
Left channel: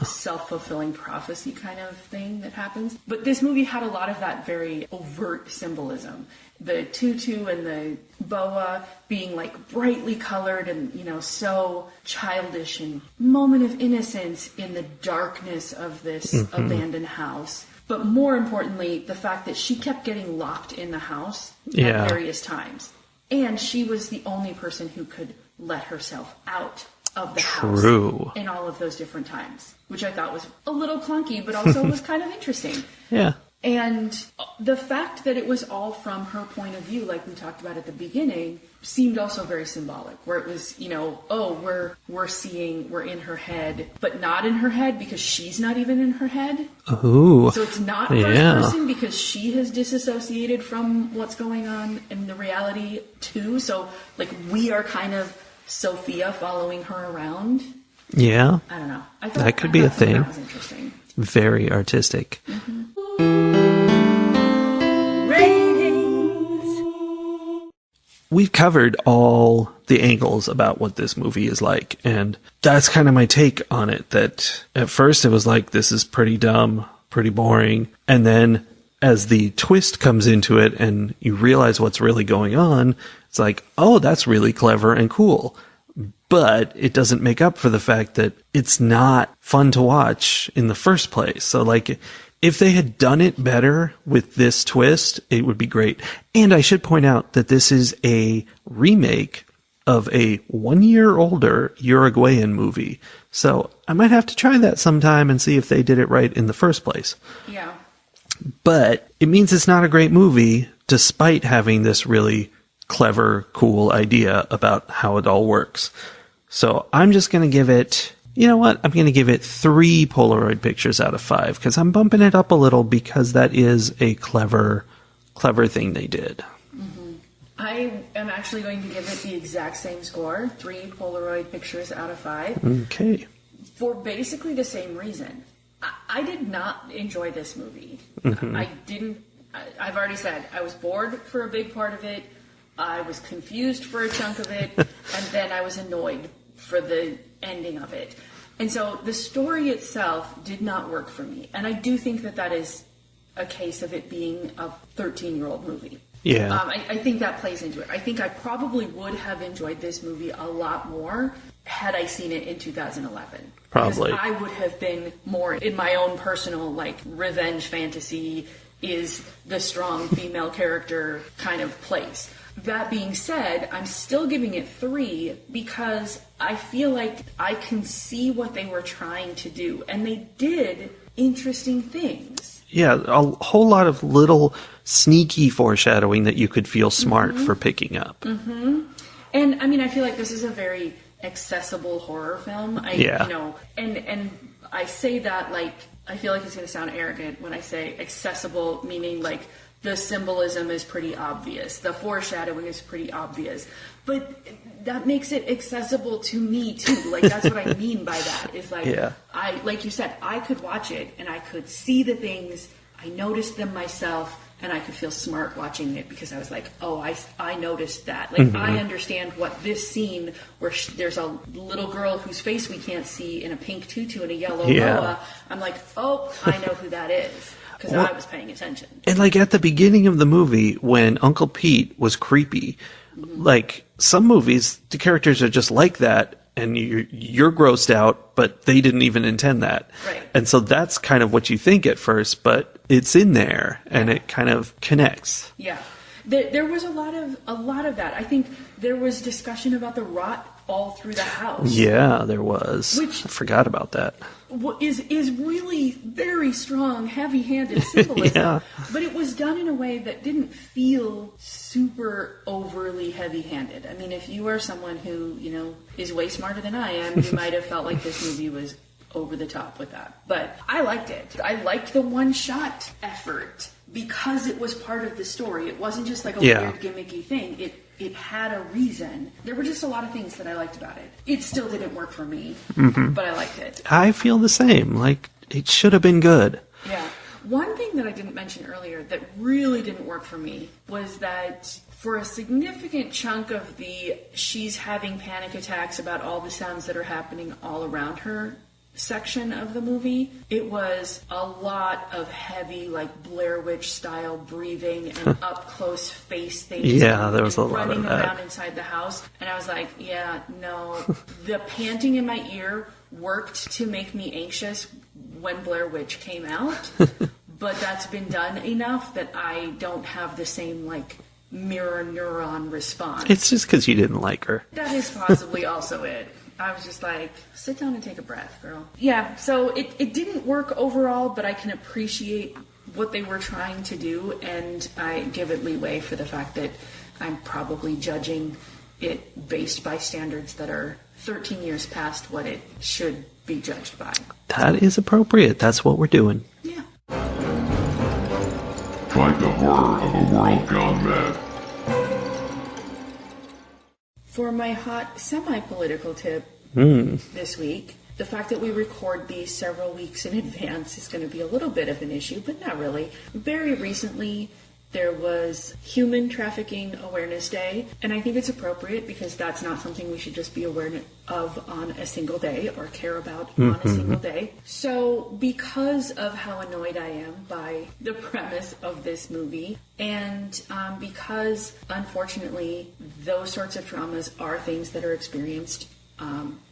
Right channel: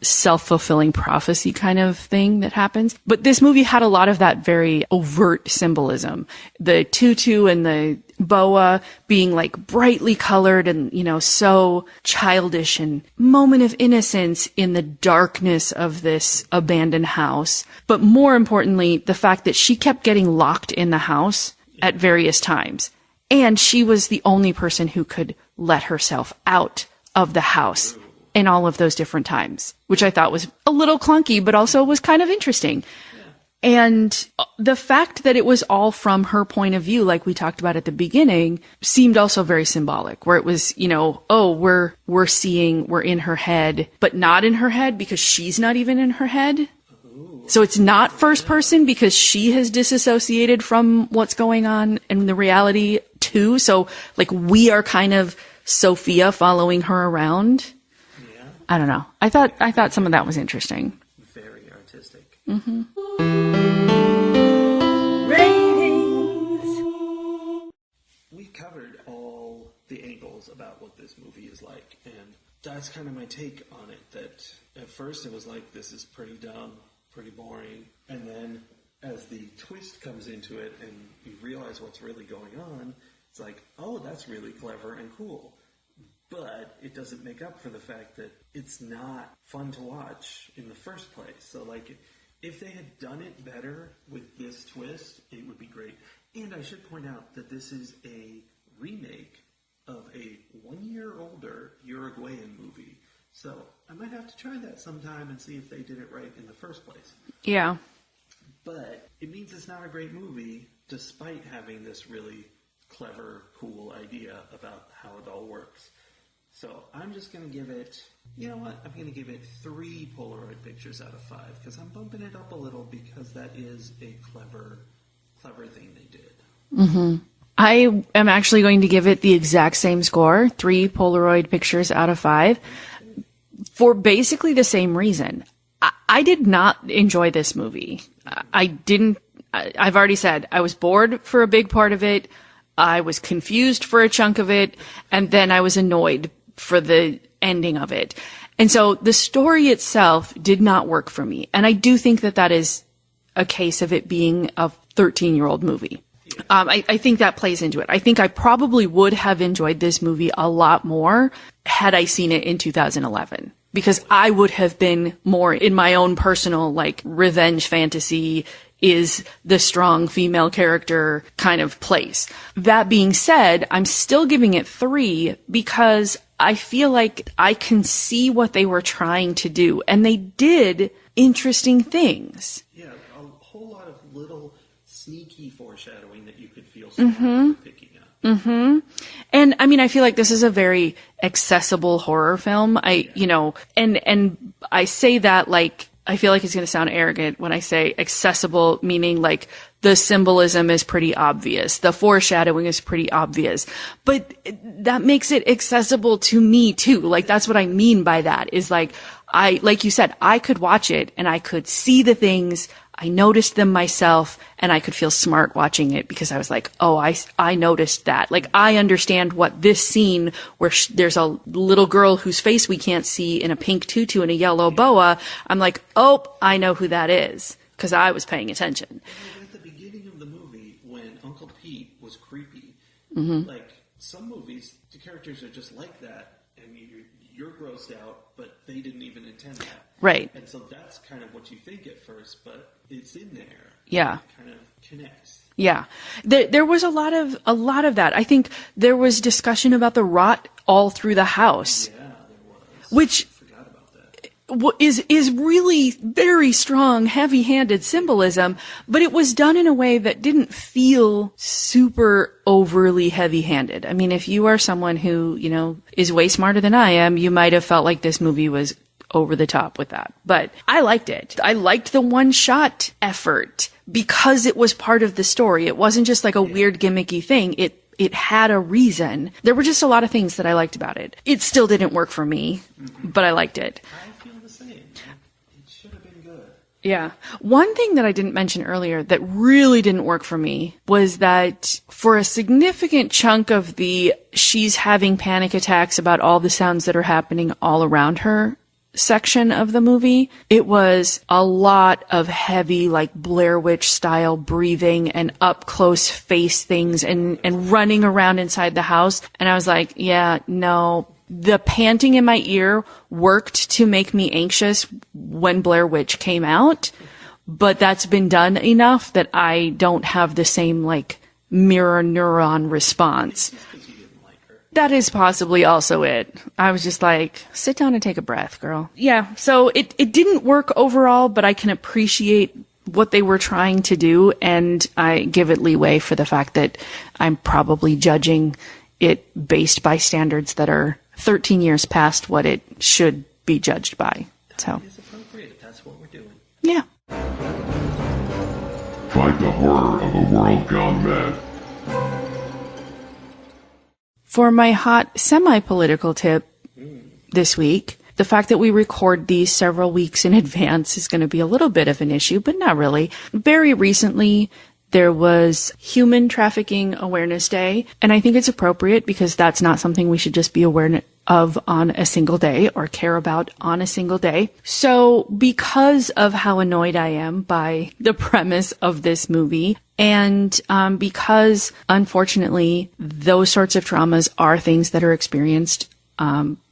self-fulfilling prophecy kind of thing that happens. But this movie had a lot of that very overt symbolism. The tutu and the boa being, like, brightly colored and, you know, so childish, and moment of innocence in the darkness of this abandoned house. But more importantly, the fact that she kept getting locked in the house at various times. And she was the only person who could let herself out of the house True. in all of those different times, which I thought was a little clunky, but also was kind of interesting. Yeah. And the fact that it was all from her point of view, like we talked about at the beginning, seemed also very symbolic, where it was, you know, oh, we're in her head, but not in her head because she's not even in her head. Ooh. So it's not first person because she has disassociated from what's going on in the reality too. So like we are kind of Sophia following her around. Yeah. I don't know. I thought some of that was interesting. Very artistic. Mm-hmm. Ratings. We've covered all the angles about what this movie is like, and that's kind of my take on it, that at first it was like, this is pretty dumb, pretty boring, and then as the twist comes into it and you realize what's really going on, it's like, oh, that's really clever and cool. But it doesn't make up for the fact that it's not fun to watch in the first place. So like, if they had done it better with this twist, it would be great. And I should point out that this is a remake of a 1 year older Uruguayan movie. So I might have to try that sometime and see if they did it right in the first place. Yeah. But it means it's not a great movie, despite having this really clever, cool idea about how it all works. So I'm just going to give it, you know what? I'm going to give it 3 Polaroid pictures out of 5 because I'm bumping it up a little because that is a clever thing they did. Mm-hmm. I am actually going to give it the exact same score, 3 Polaroid pictures out of 5. Okay. For basically the same reason. I did not enjoy this movie. Mm-hmm. I've already said, I was bored for a big part of it. I was confused for a chunk of it. And then I was annoyed for the ending of it. And so the story itself did not work for me. And I do think that that is a case of it being a 13-year-old movie. Yeah. I think that plays into it. I think I probably would have enjoyed this movie a lot more had I seen it in 2011. Because Probably. I would have been more in my own personal, like, revenge fantasy is the strong female character kind of place. That being said, I'm still giving it 3 because I feel like I can see what they were trying to do. And they did interesting things. Yeah, a whole lot of little sneaky foreshadowing that you could feel smart for picking up. Mm-hmm. And I mean, I feel like this is a very accessible horror film. You know, and I say that like, I feel like it's going to sound arrogant when I say accessible, meaning like the symbolism is pretty obvious. The foreshadowing is pretty obvious, but that makes it accessible to me too. Like that's what I mean by that is like, like you said, I could watch it and I could see the things. I noticed them myself and I could feel smart watching it because I was like, oh, I noticed that. Like, I understand what this scene where there's a little girl whose face we can't see in a pink tutu and a yellow boa. I'm like, oh, I know who that is because I was paying attention. And like at the beginning of the movie when Uncle Pete was creepy, like some movies, the characters are just like that. And you're grossed out, but they didn't even intend that. Right. And so that's kind of what you think at first, but it's in there and it kind of connects. Yeah. There was a lot of that. I think there was discussion about the rot all through the house. Yeah, there was. Which I forgot about that. Is really very strong, heavy-handed symbolism, but it was done in a way that didn't feel super overly heavy-handed. I mean, if you are someone who, you know, is way smarter than I am, you might have felt like this movie was over the top with that. But I liked it. I liked the one-shot effort because it was part of the story. It wasn't just like a weird gimmicky thing. It had a reason. There were just a lot of things that I liked about it. It still didn't work for me, but I liked it. I feel the same. Like, it should have been good. Yeah. One thing that I didn't mention earlier that really didn't work for me was that for a significant chunk of she's having panic attacks about all the sounds that are happening all around her section of the movie, it was a lot of heavy, like Blair Witch style breathing and up close face things and running around inside the house. And I was like, yeah, no, the panting in my ear worked to make me anxious when Blair Witch came out, but that's been done enough that I don't have the same like mirror neuron response. It's just because you didn't like her. That is possibly also it. I was just like, sit down and take a breath, girl. Yeah, so it didn't work overall, but I can appreciate what they were trying to do, and I give it leeway for the fact that I'm probably judging it based by standards that are 13 years past what it should be judged by. That is appropriate. That's what we're doing. Yeah. Fight the horror of a world gone mad. For my hot semi-political tip this week, the fact that we record these several weeks in advance is going to be a little bit of an issue, but not really. Very recently, there was Human Trafficking Awareness Day, and I think it's appropriate because that's not something we should just be aware of on a single day or care about on a single day. So because of how annoyed I am by the premise of this movie, and because unfortunately those sorts of traumas are things that are experienced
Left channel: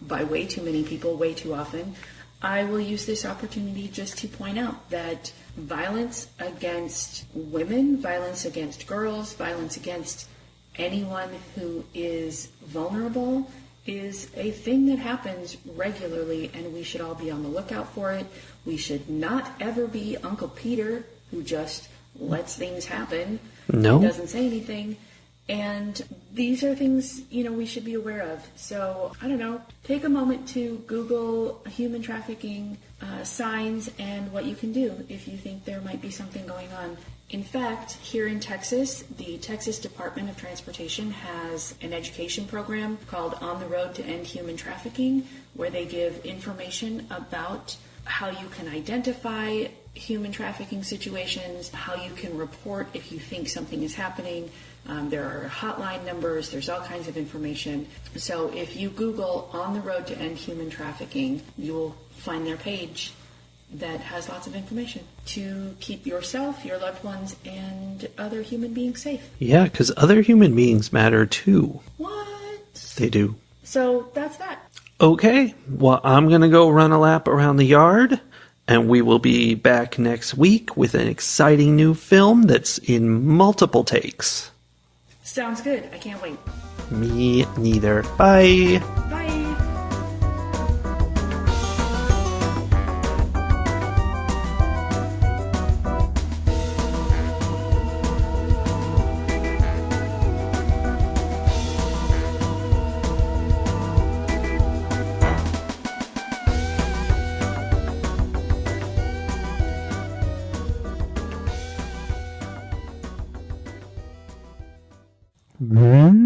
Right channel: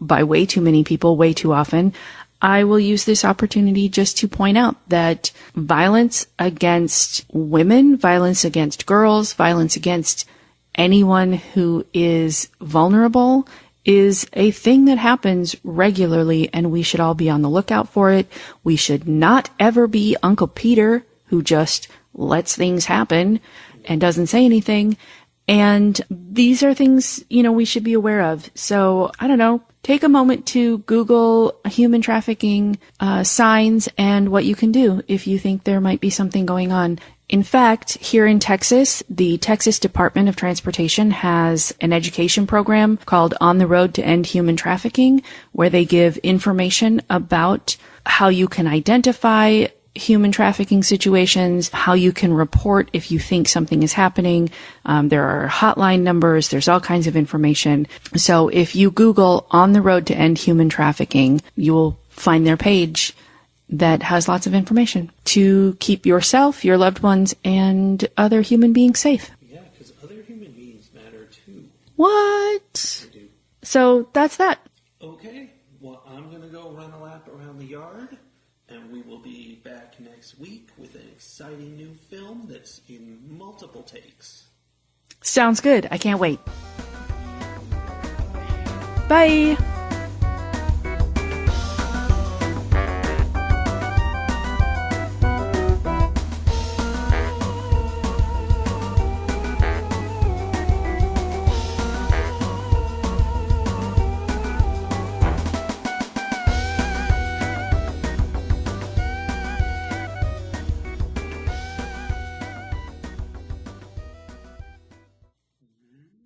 by way too many people way too often, I will use this opportunity just to point out that violence against women, violence against girls, violence against anyone who is vulnerable is a thing that happens regularly, and we should all be on the lookout for it. We should not ever be Uncle Peter, who just lets things happen and doesn't say anything. And these are things, we should be aware of. So, I don't know, take a moment to Google human trafficking signs and what you can do if you think there might be something going on. In fact, here in Texas, the Texas Department of Transportation has an education program called On the Road to End Human Trafficking, where they give information about how you can identify human trafficking situations, how you can report if you think something is happening. There are hotline numbers. There's all kinds of information. So if you Google On the Road to End Human Trafficking, you will find their page that has lots of information to keep yourself, your loved ones, and other human beings safe. Yeah, because other human beings matter too. What? They do. So that's that. Okay, well, I'm going to go run a lap around the yard, and we will be back next week with an exciting new film that's in multiple takes. Sounds good. I can't wait. Me neither. Bye. Bye. Mm-hmm.